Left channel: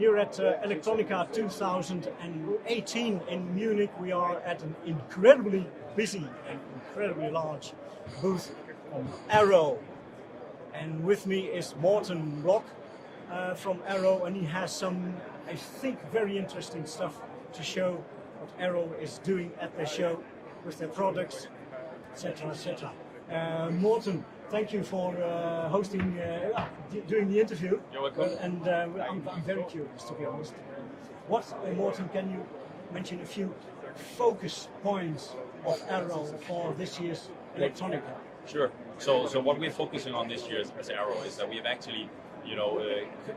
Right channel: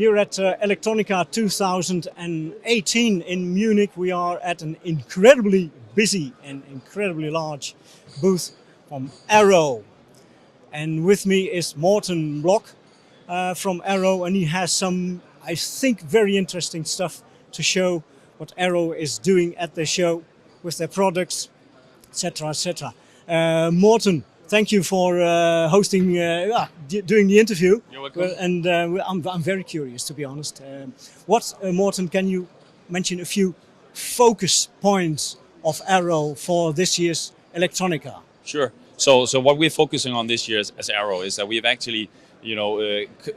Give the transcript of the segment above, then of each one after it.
Here at Electronica 2018 in Munich, we are at an incredibly busy and incredibly large booth from Arrow. And with me is Morten Block from Arrow, and he has some, I think, very interesting stuff to show what Arrow is doing at the show with their products, etc., etc. Morten, thank you for hosting, doing the interview. You're welcome. And I'm very curious, to be honest. Morten, can you mention a few focus points of Arrow for this year's Electronica? Sure. So what we're focusing on this year as Arrow is that we've actually,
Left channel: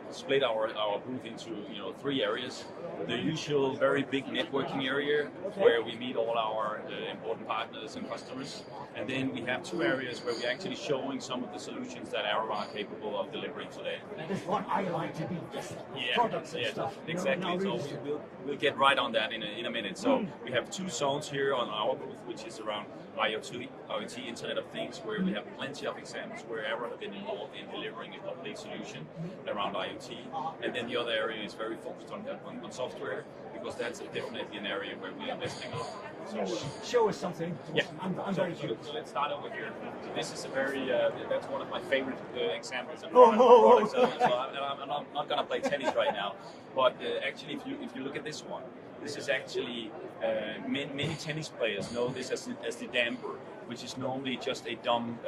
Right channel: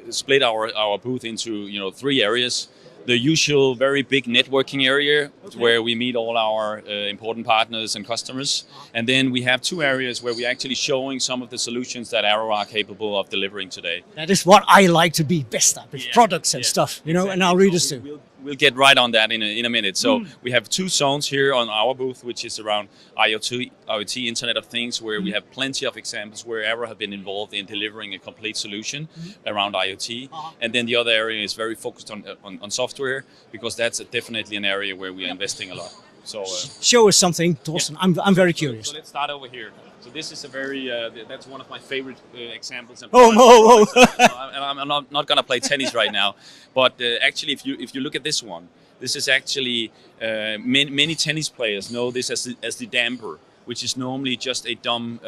split our booth into, 3 areas. The usual very big networking area where we meet all our important partners and customers. And then we have 2 areas where we're actually showing some of the solutions that Arrow are capable of delivering today. That is what I like to be best at, with products and stuff, exactly. and our readers too. We'll get right on that in a minute. So we have 2 zones here on our booth, which is around IoT, Internet of Things, where we have plenty of examples where Arrow have been involved in delivering a complete solution around IoT. And then the other area is very focused on software, because that's definitely an area where we are investing a lot. So show us something, Thorsten. Yeah. I'm very curious. So let's start over here. So this is a very, that's one of my favorite examples. Oh. I'm not going to play tennis right now, but actually, if you look at this one, this is actually many tennis players know this as the damper, which is normally just a dumb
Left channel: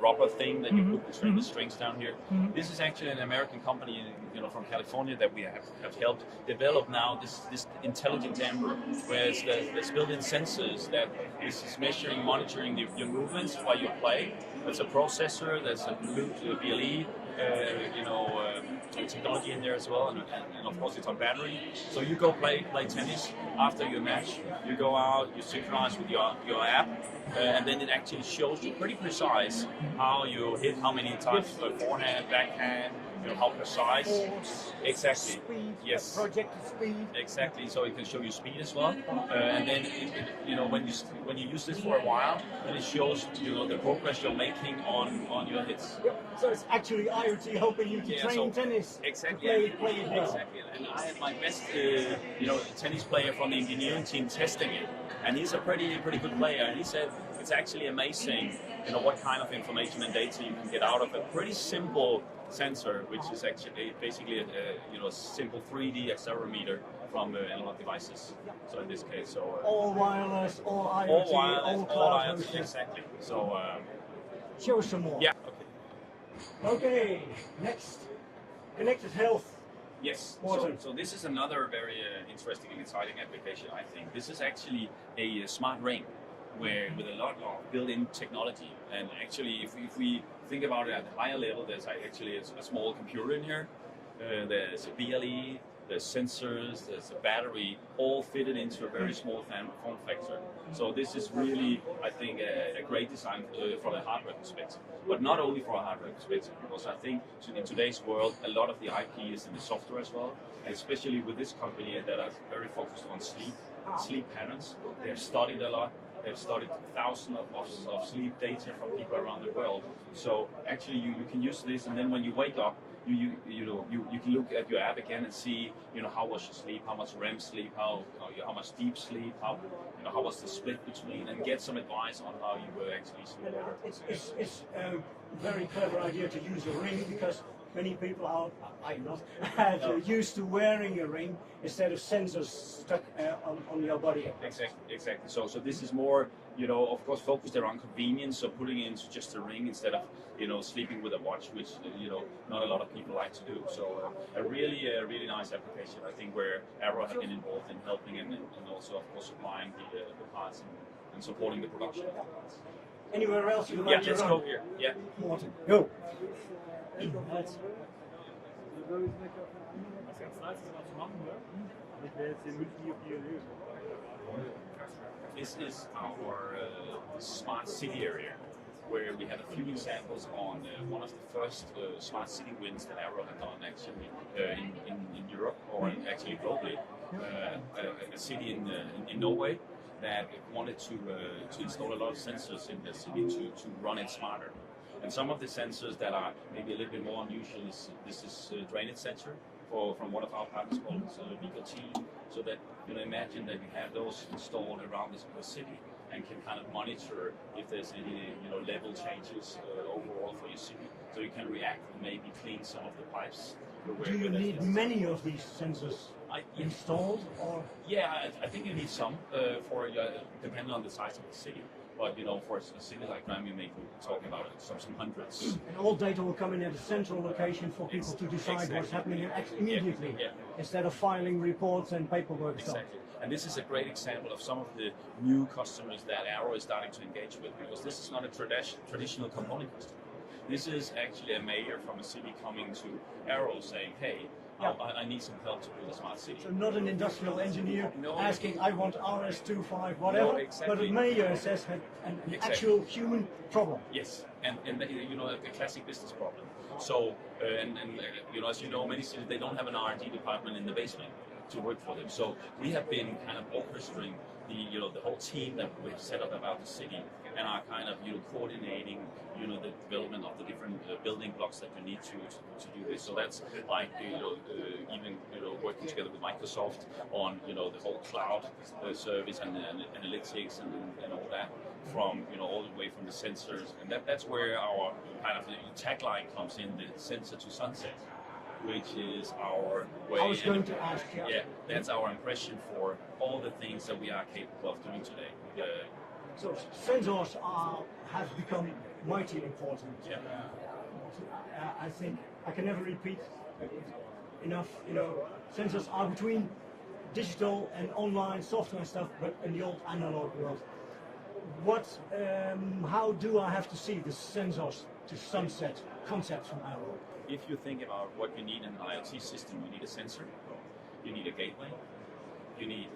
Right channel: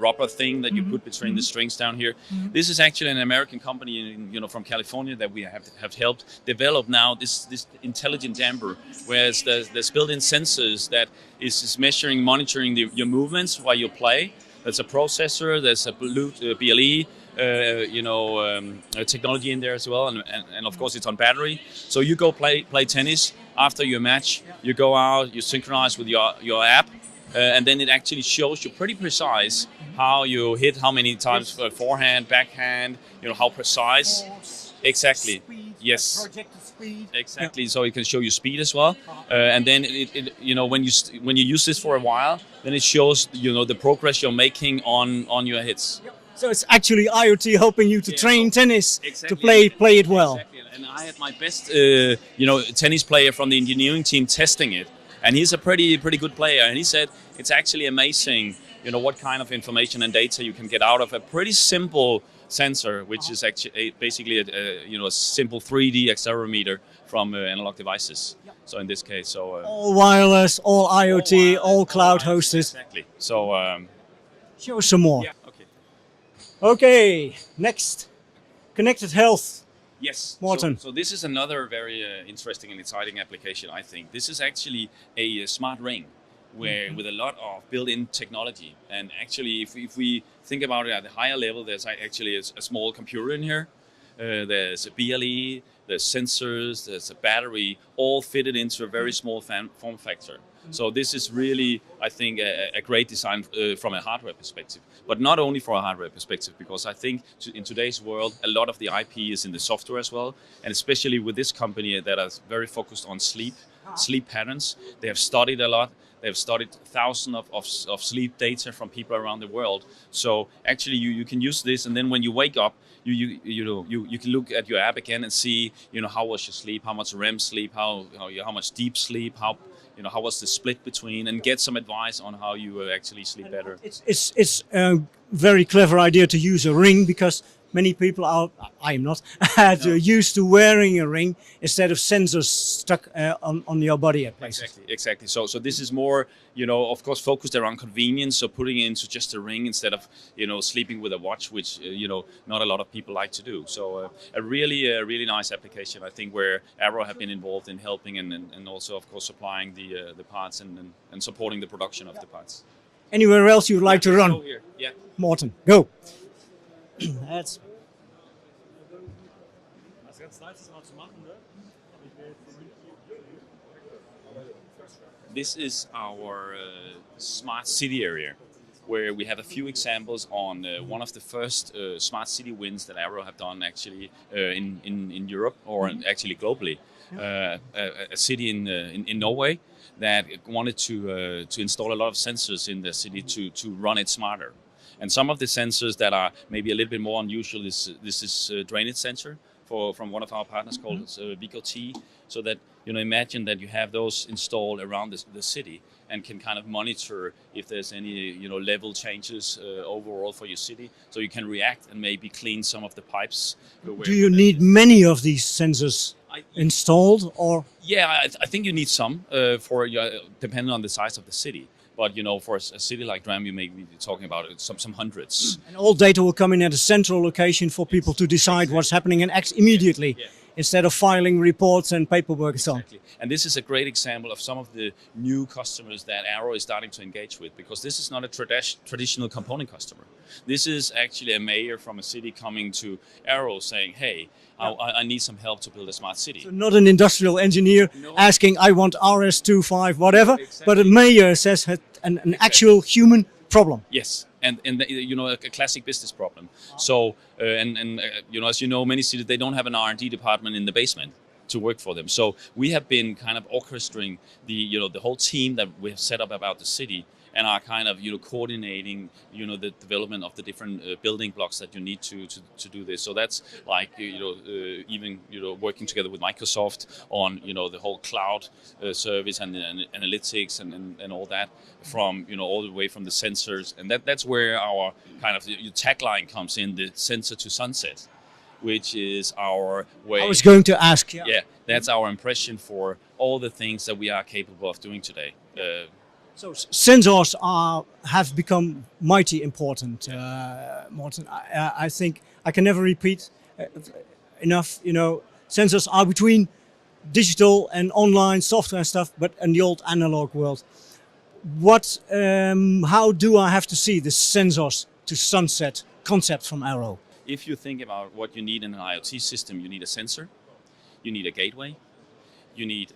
rubber thing that you put between the strings down here. This is actually an American company, from California, that we have helped develop now this intelligent damper, where there's built-in sensors that is measuring, monitoring your movements while you play. There's a processor, there's a BLE, technology in there as well, and of course it's on battery. So you go play tennis after your match. You go out, you synchronize with your app. And then it actually shows you pretty precise how you hit, how many times forehand, backhand, how precise. Exactly. Yes. Exactly. So it can show you speed as well. And then when you use this for a while, then it shows the progress you're making on your hits. So it's actually IoT helping you to train tennis, exactly. to play it well. Exactly. And I had my best tennis player from the engineering team testing it. And he's a pretty good player, and he said it's actually amazing, what kind of information and data you can get out of a pretty simple sensor, which is actually basically a simple 3D accelerometer from analog devices. So in this case, all wireless, all IoT, all cloud hosted. Exactly. So show some more. Yeah. Okay. Next, connected health. Yes, Morten. So this is another very interesting and exciting application, I think. This is actually a smart ring with a lot of built-in technology. And actually, if we think about it at a higher level, there's actually a small computer in here. There's a BLE, there's sensors, there's a battery, all fitted into a very small form factor. So this is really, I think, a great design from a hardware perspective. But not only from a hardware perspective, because I think in today's world, a lot of the IP is in the software as well. And especially with this company that is very focused on sleep patterns. They have studied a lot. They have studied thousands of sleep data from people around the world. So actually, you can use this, and then when you wake up, you can look at your app again and see how was your sleep, how much REM sleep, how much deep sleep, how was the split between, and get some advice on how you will actually sleep better. It's a very clever idea to use a ring, because many people are, I am not, used to wearing a ring instead of sensors stuck on your body. Exactly. So this is more, of course, focused around convenience. So putting it into just a ring instead of, sleeping with a watch, which, not a lot of people like to do. So a really nice application, I think, where Arrow have been involved in helping and also, of course, supplying the parts and supporting the production of the parts. Anywhere else you'd like to run? Go here. Yeah. Morten, go. That's This is our smart city area, where we have a few examples on one of the first smart city wins that Arrow have done actually in Europe, or actually globally. A city in Norway that wanted to install a lot of sensors in the city to run it smarter. And some of the sensors that are maybe a little bit more unusual is this drainage sensor from one of our partners called BKT, so that imagine that you have those installed around the city and can kind of monitor if there's any level changes overall for your city, so you can react and maybe clean some of the pipes. Do you need many of these sensors installed, or? Yeah, I think you need some for depending on the size of the city. But for a city like Dram, you may be talking about some hundreds. All data will come in at a central location for people to decide what's happening and act immediately, instead of filing reports and paperwork and so on. Exactly. And this is a great example of some of the new customers that Arrow is starting to engage with, because this is not a traditional component customer. This is actually a mayor from a city coming to Arrow saying, hey, I need some help to build a smart city. So not an industrial engineer asking, I want RS25, whatever, but a mayor says an actual human problem. Yes, and a classic business problem. So as you know, many cities, they don't have an R&D department in the basement to work for them. So we have been kind of orchestrating the whole team that we have set up about the city, and are kind of coordinating the development of the different building blocks that you need to do this. So that's like even working together with Microsoft on the whole cloud service and analytics and all that, from all the way from the sensors, and that's where our kind of tagline comes in, the sensor to sunset, which is our way. I was going to ask. Yeah, that's our impression for all the things that we are capable of doing today. So sensors have become mighty important, Morten. I think I can never repeat enough. Sensors are between digital and online software stuff, but in the old analog world. How do I have to see the sensors to sunset concept from Arrow? If you think about what you need in an IoT system, you need a sensor, you need a gateway, you need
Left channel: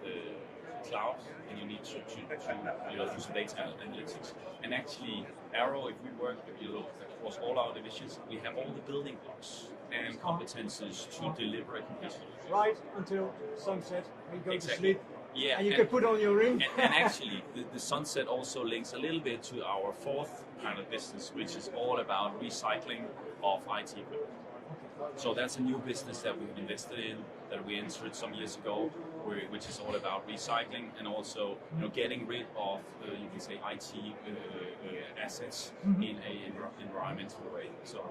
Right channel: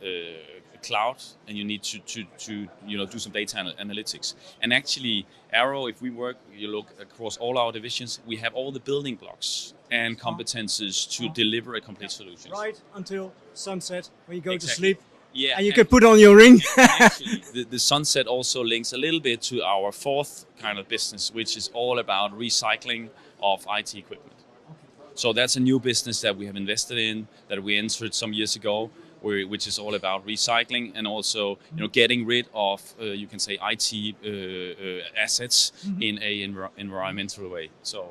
cloud, and you need to do some data analytics. And actually, Arrow, if we look across all our divisions, we have all the building blocks and competences to deliver a complete solution. Right until sunset, when you go to Exactly. sleep. Yeah, and you can put on your ring. Actually, the sunset also links a little bit to our fourth kind of business, which is all about recycling of IT equipment. So that's a new business that we have invested in, that we entered some years ago, which is all about recycling and also getting rid of you can say IT assets in a environmental way. So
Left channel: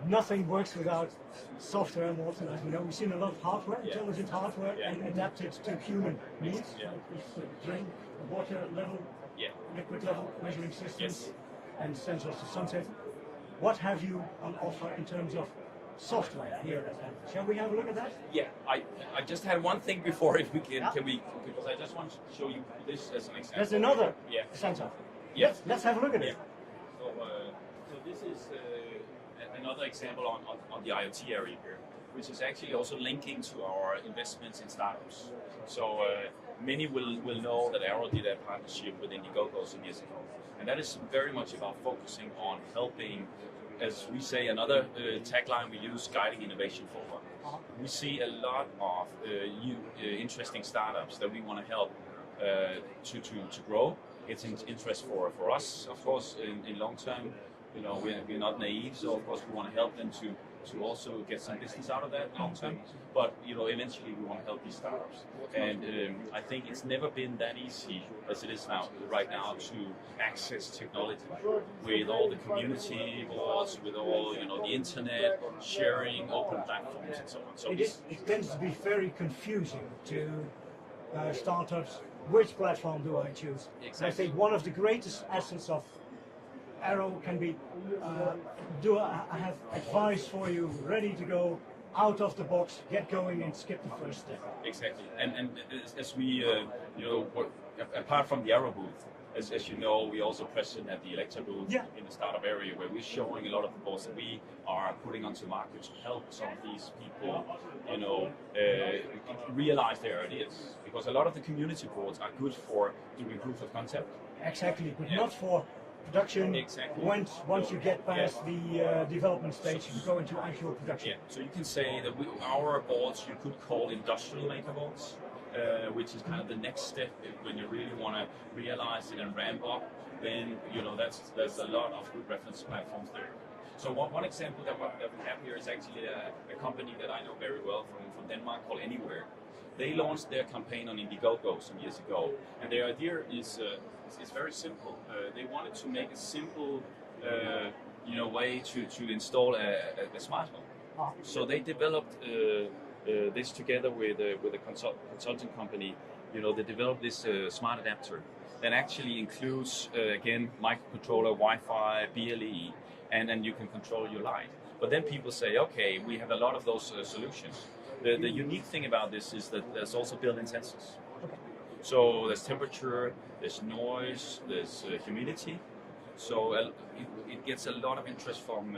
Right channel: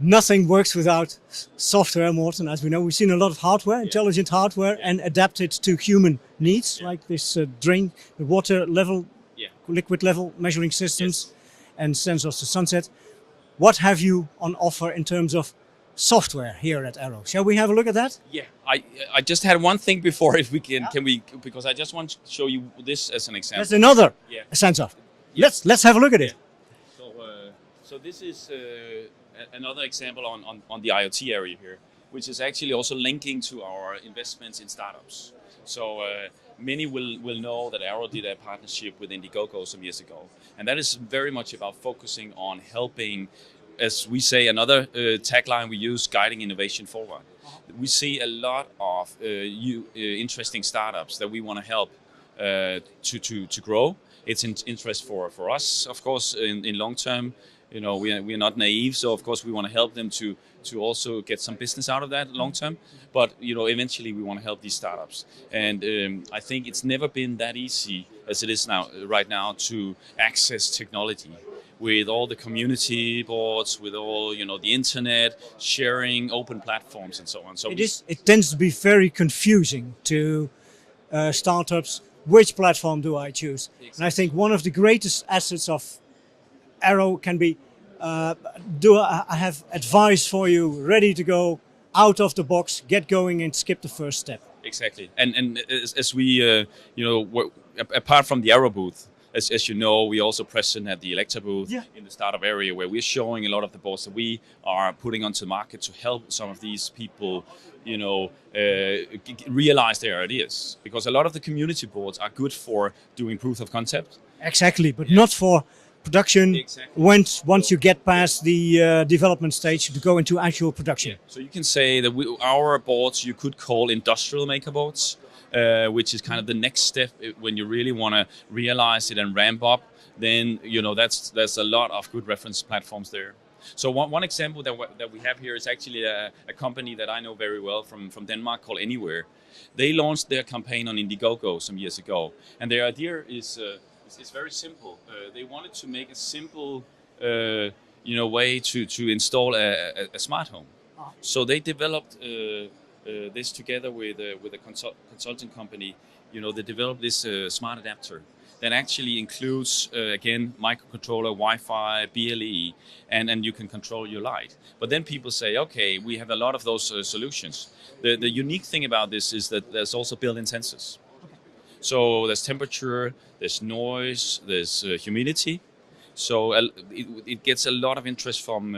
nothing works without software, Morten. As we know, we've seen a lot of hardware, intelligent hardware, and adapted to human needs, like this drain, the water level, liquid level measuring systems, and sensors to sunset. What have you on offer in terms of software here at Arrow? Shall we have a look at that? Yeah, I just had one thing before, if we can we, because I just want to show you this as an example. That's another sensor. Let's have a look at it. So this is another example on the IoT area here, which is actually also linking to our investments in startups. So many will know that Arrow did a partnership with Indiegogo some years ago, and that is very much about focusing on helping, as we say, another tagline we use, guiding innovation forward. We see a lot of interesting startups that we want to help to grow. It's an interest for us, of course, in long term. We are not naive, so of course we want to help them to also get some business out of that long term. But eventually we want to help these startups, and I think it's never been that easy as it is right now to access technology with all the community boards, with all the internet, sharing open platforms and so on. So it tends to be very confusing to startups. Which platform do I choose? Exactly. And I think one of the greatest assets of Arrow can be, I have advice for you, ready to go, out of the box, get going and skip the first step. Exactly. And as we, apart from the Arrow booth, as you know, we also present at the Elektor booth in the startup area, where we're showing a lot of the boards that we are putting onto the market to help some of these people, realize their ideas. Because a lot of the community boards are good for doing proof of concept. Exactly, but not for production. Exactly. Once you get past the development stage to go into actual production. Yeah. So you can say that our boards you could call industrial maker boards, which is kind of the next step when you really want to realize it and ramp up. Then there's a lot of good reference platforms there. So one example that we have here is actually a company that I know very well from Denmark called Anywhere. They launched their campaign on Indiegogo some years ago, and their idea is very simple. They wanted to make a simple way to install a smart home. So they developed this together with a consulting company. They developed this smart adapter that actually includes, again, microcontroller, Wi-Fi, BLE, and you can control your light. But then people say, okay, we have a lot of those solutions. The unique thing about this is that there's also built-in sensors. So there's temperature, there's noise, there's humidity. So it gets a lot of interest from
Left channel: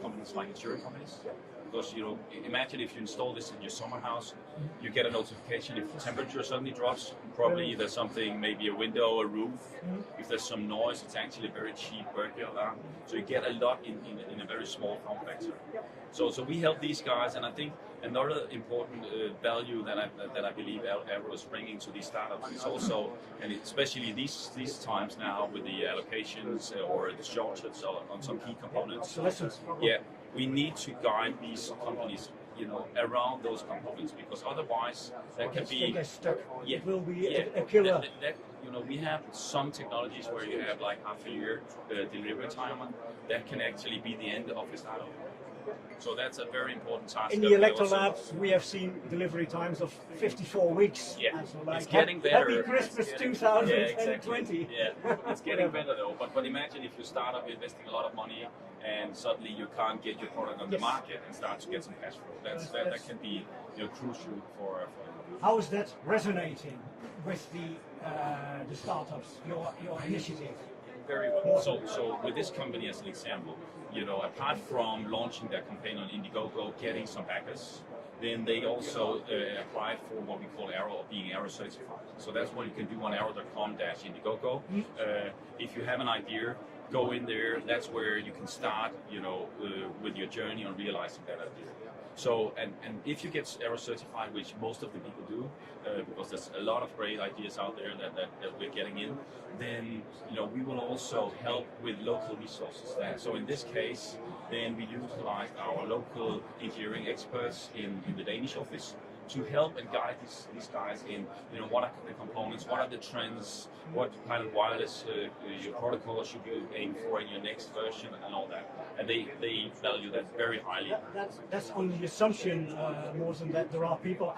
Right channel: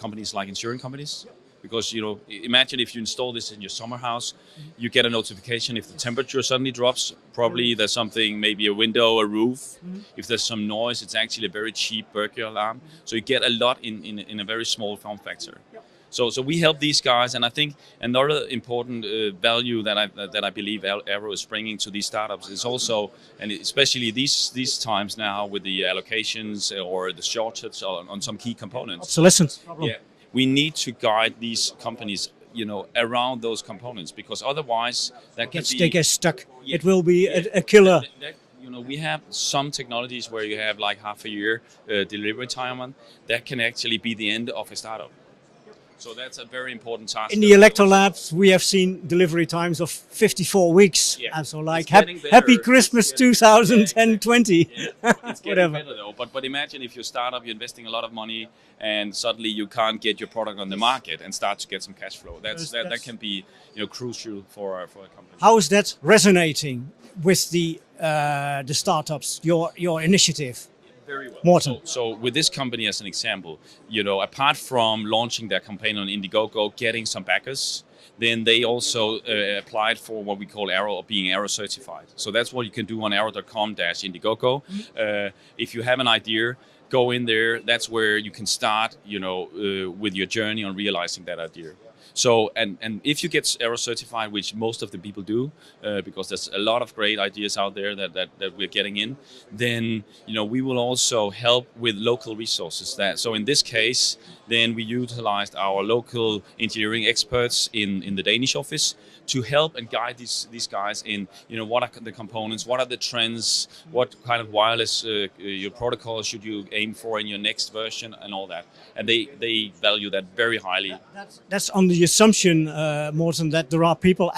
companies like insurance companies. Because imagine if you install this in your summer house, you get a notification if the temperature suddenly drops. Probably there's something, maybe a window, a roof. If there's some noise, it's actually a very cheap burglar alarm. So you get a lot in a very small form factor. So we help these guys, and I think another important value that I believe Arrow is bringing to these startups is also, and especially these times now with the allocations or the shortage on some key components. So listen. Yeah. We need to guide these companies, around those components, because otherwise they get stuck. Yeah. It will be a killer. We have some technologies where you have like half a year delivery time on. That can actually be the end of a startup. So that's a very important task. In the Elektor labs, we have seen delivery times of 54 weeks. Yeah. And so like, happy Christmas 2020. Yeah, it's getting better though. But imagine if you start up, you're investing a lot of money, and suddenly you can't get your product on the market and start to get some cash flow. That can be crucial for a company. How is that resonating with the startups? Your initiative. Very well. Morten. So with this company as an example, apart from launching their campaign on Indiegogo, getting some backers, then they also applied for what we call Arrow, or being Arrow certified. So that's what you can do on arrow.com/Indiegogo. If you have an idea, go in there. That's where you can start, with your journey on realizing that idea. So, and if you get Arrow certified, which most of the people do, because there's a lot of great ideas out there that we're getting in, then, we will also help with local resources. So in this case, then we utilized our local engineering experts in the Danish office to help and guide these guys in, what are the components, what are the trends, what kind of wireless your protocol should you aim for in your next version, and all that. And they value that very highly. That's on the assumption, Morten, that there are people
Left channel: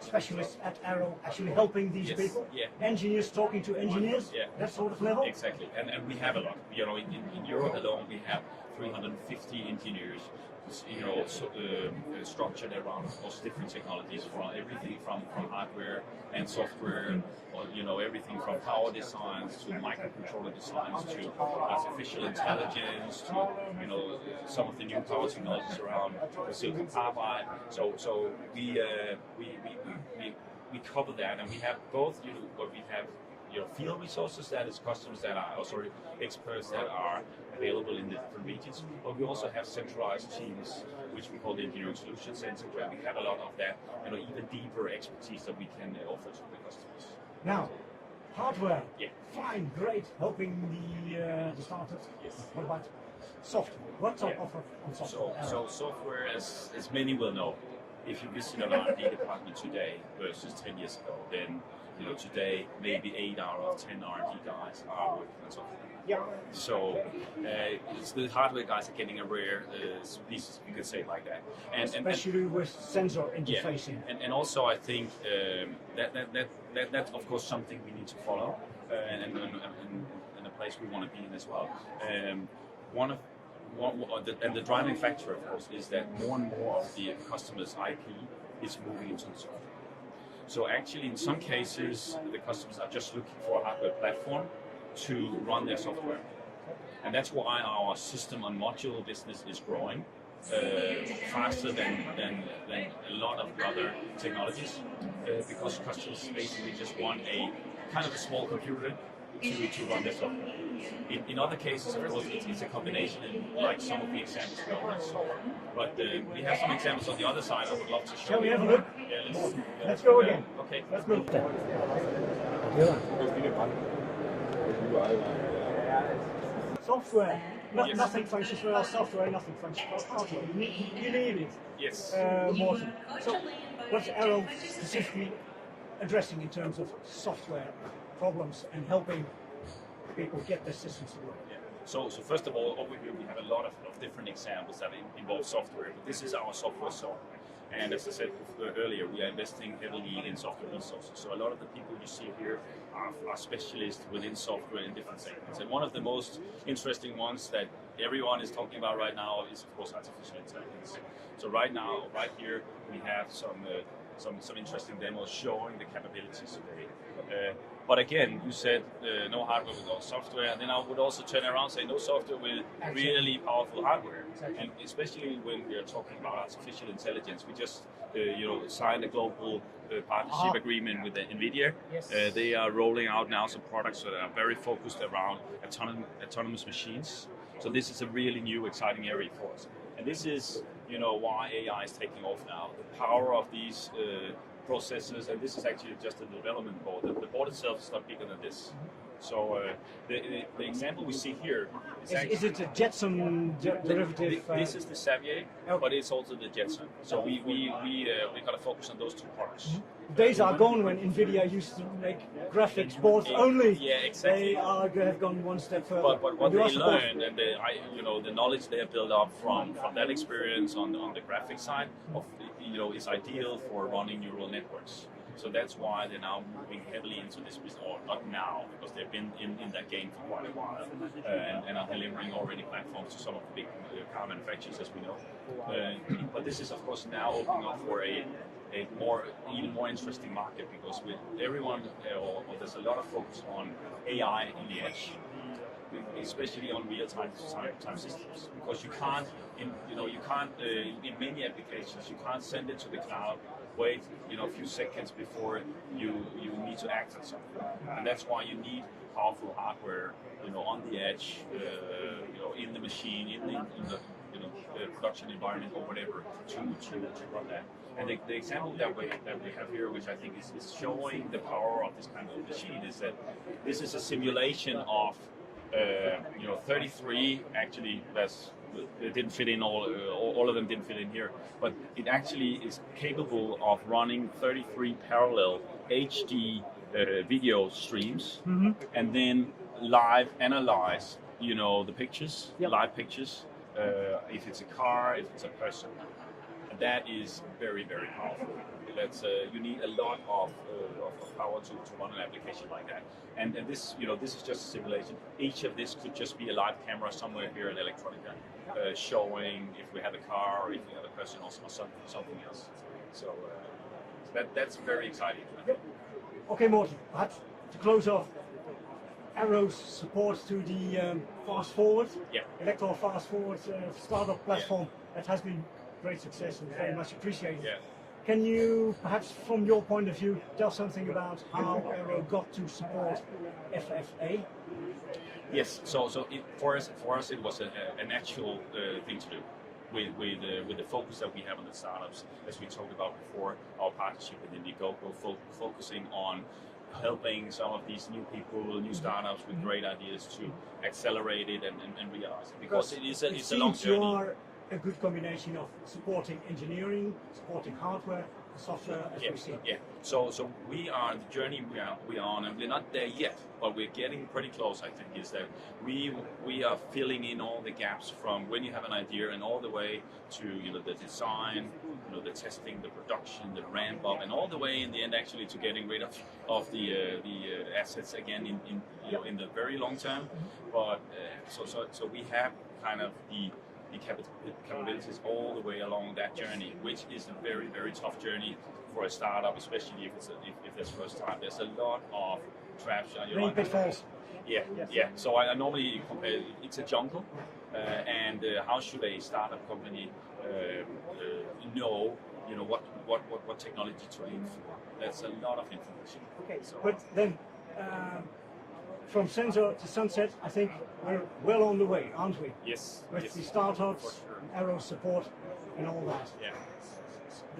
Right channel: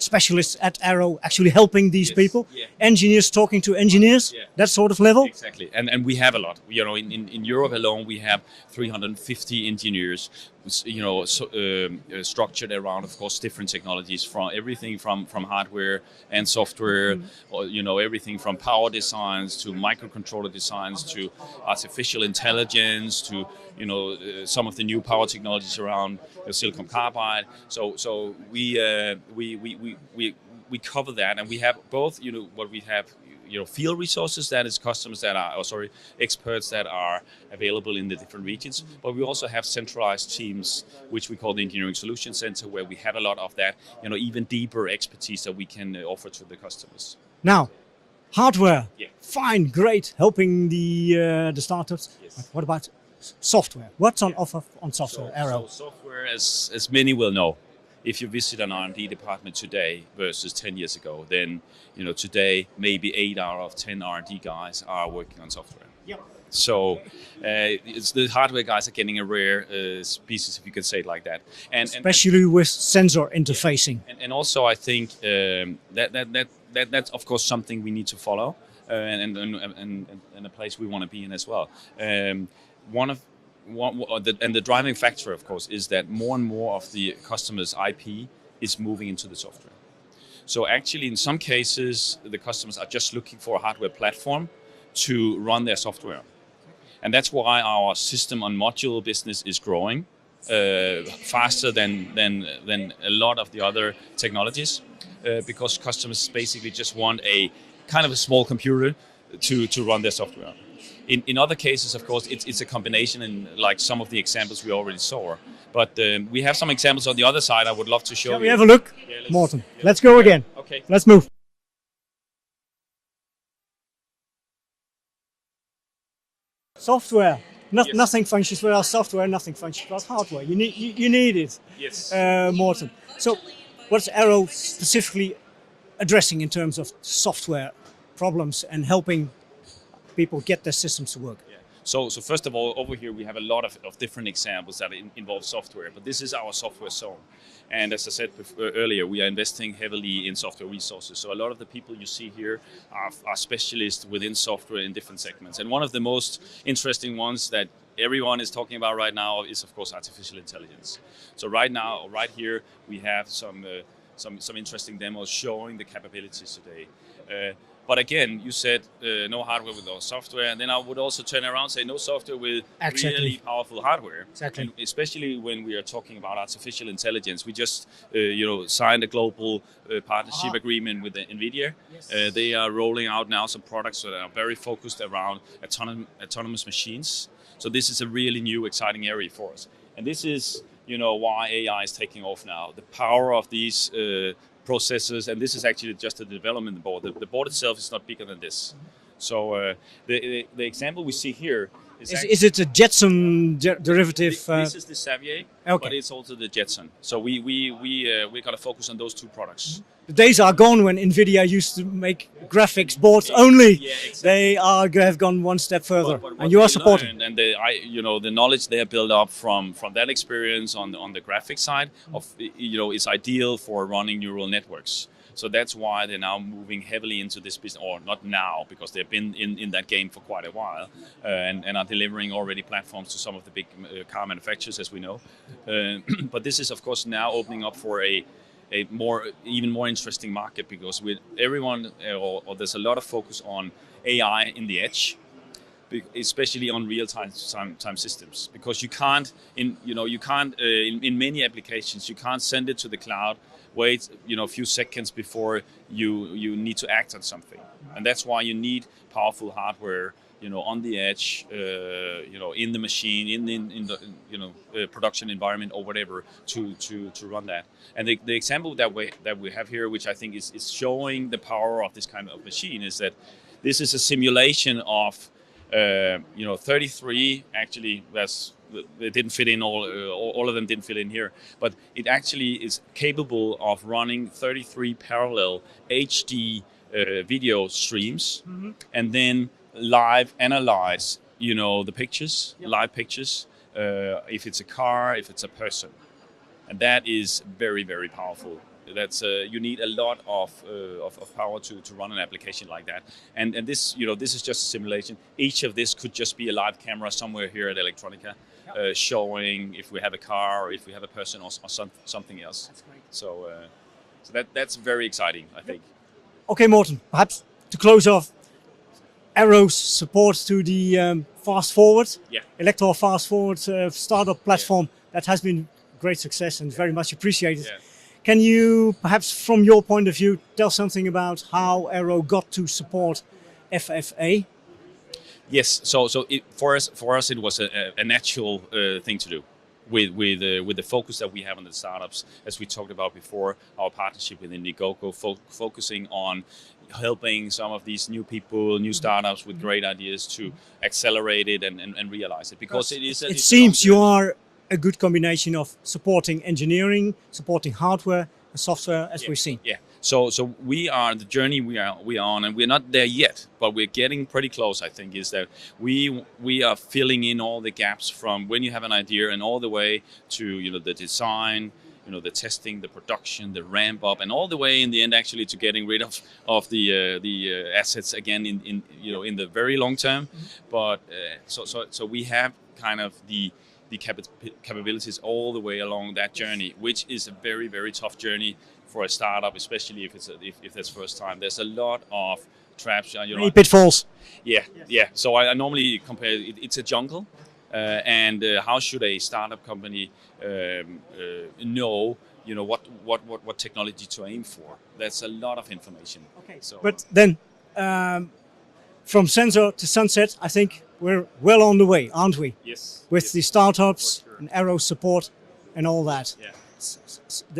specialists at Arrow actually helping these people, engineers talking to engineers, that sort of level. Exactly, and we have a lot. In Europe alone, we have 350 engineers, structured around, of course, different technologies, from everything from hardware and software, or, everything from power designs to microcontroller designs to artificial intelligence to, some of the new power technologies around silicon carbide. So we cover that, and we have both, what we have, field resources, that is customers that are, experts that are available in the different regions, but we also have centralized teams, which we call the Engineering Solution Center, where we have a lot of that, even deeper expertise that we can offer to the customers. Now, hardware, fine, great, helping the startups. Yes. What about software? What's on offer on software, Arrow? So software, as many will know, if you visit an R&D department today versus 10 years ago, then today maybe 8 out of 10 R&D guys are working on software. Yep. So it's the hardware guys are getting a rare species, if you could say it like that. And especially with sensor interfacing. Yeah. And also I think that's of course something we need to follow, and a place we want to be in as well. The driving factor, of course, is that more and more of the customers' IP is moving into the software. So actually, in some cases, the customers are just looking for a hardware platform to run their software. And that's why our system on module business is growing faster than a lot of the other technologies, because customers basically just want a kind of a small computer to run their software. In other cases, of course, it's a combination, and like some of the examples we already saw. But we have some examples on the other side I would love to show you. Can we have a look? Morten, let's go again. Okay. Let's move. Software. Yes. Nothing functions without software, nothing functions without hardware. You need it, Yes. Morten. So, what's Arrow specifically addressing in terms of software problems and helping people get their systems to work? So first of all, over here we have a lot of different examples that involve software, but this is our software zone. And as I said earlier, we are investing heavily in software resources. So a lot of the people you see here are specialists within software in different segments. And one of the most interesting ones that everyone is talking about right now is, of course, artificial intelligence. So right now, right here, we have some interesting demos showing the capabilities today. But again, you said no hardware without software, and then I would also turn around and say no software with really powerful hardware. Exactly. And especially when we are talking about artificial intelligence, we just signed a global partnership agreement with NVIDIA. Yes. They are rolling out now some products that are very focused around autonomous machines. So this is a really new, exciting area for us. And this is why AI is taking off now. The power of these processes, and this is actually just a development board. The board itself is not bigger than this. So the example we see here is it a Jetson derivative? This is the Xavier, okay. But it's also the Jetson. So we got to focus on those two products. The days are gone when NVIDIA used to make graphics boards only. Yeah, exactly. They have gone one step further, and you are supporting. And the knowledge they have built up from that experience on the graphics side of is ideal for running neural networks. So that's why they're now moving heavily into this business, or not now, because they've been in that game for quite a while, and are delivering already platforms to some of the big car manufacturers, as we know. But this is, of course, now opening up for a even more interesting market, because with everyone, or there's a lot of focus on AI in the edge, especially on real-time systems, because you can't in many applications you can't send it to the cloud, wait a few seconds before you need to act on something, and that's why you need powerful hardware on the edge, in the machine, in the production environment or whatever, to run that. And the example that we have here, which I think is showing the power of this kind of machine, is that this is a simulation of 33 actually. It didn't fit in all of them didn't fit in here, but it actually is capable of running 33 parallel HD video streams, and then live analyze the pictures, live pictures, if it's a car, if it's a person, and that is very, very powerful. That's you need a lot of power to run an application like that, and this this is just a simulation. Each of this could just be a live camera somewhere here at Electronica, showing if we have a car, or if we have a person, or something else. So that's very exciting, I think. Okay, Morten, perhaps to close off, Arrow's support to the Fast Forward, Elektor Fast Forward startup platform that has been great success and very much appreciated. Yeah. Can you perhaps, from your point of view, tell something about how Arrow got to support FFA? Yes, so for us it was a natural thing to do, with the focus that we have on the startups, as we talked about before, our partnership with Indiegogo, focusing on helping some of these new people, new startups with great ideas to accelerate it and realize it, because it is. It seems you are a good combination of supporting engineering, supporting hardware, and software, as we've seen. Yeah. So we are the journey we are on, and we're not there yet, but we're getting pretty close. I think is that we are filling in all the gaps from when you have an idea and all the way to the design, the testing, the production, the ramp up, and all the way in the end actually to getting rid of the assets again in the very long term. But so we have kind of the capabilities all the way along that journey, which is a very, very tough journey for a startup, especially if that's first time. There's a lot of traps. Many pitfalls. Yeah. So I normally compare it's a jungle, and how should a startup company know what technology to aim for? That's a lot of information. Okay. So. But then from sensor to sunset, I think we're well on the way, aren't we? Yes. With the startups and Arrow support and all that. Yeah.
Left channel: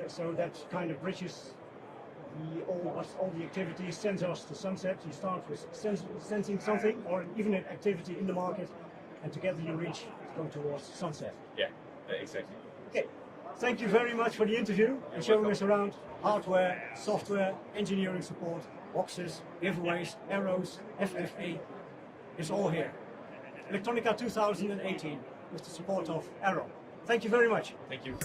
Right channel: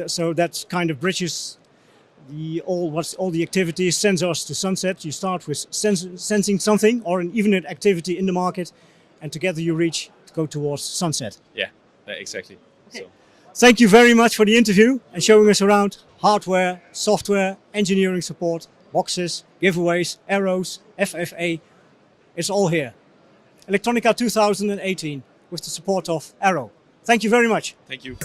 So that kind of bridges all the activities, sensors to sunset. You start with sensing something, or even an activity in the market, and together you reach to go towards sunset. Yeah, exactly. So, Thank you very much for the interview and showing us around hardware, software, engineering support, boxes, giveaways, arrows, FFA. It's all here. Elektronica 2018 with the support of Arrow. Thank you very much. thank you.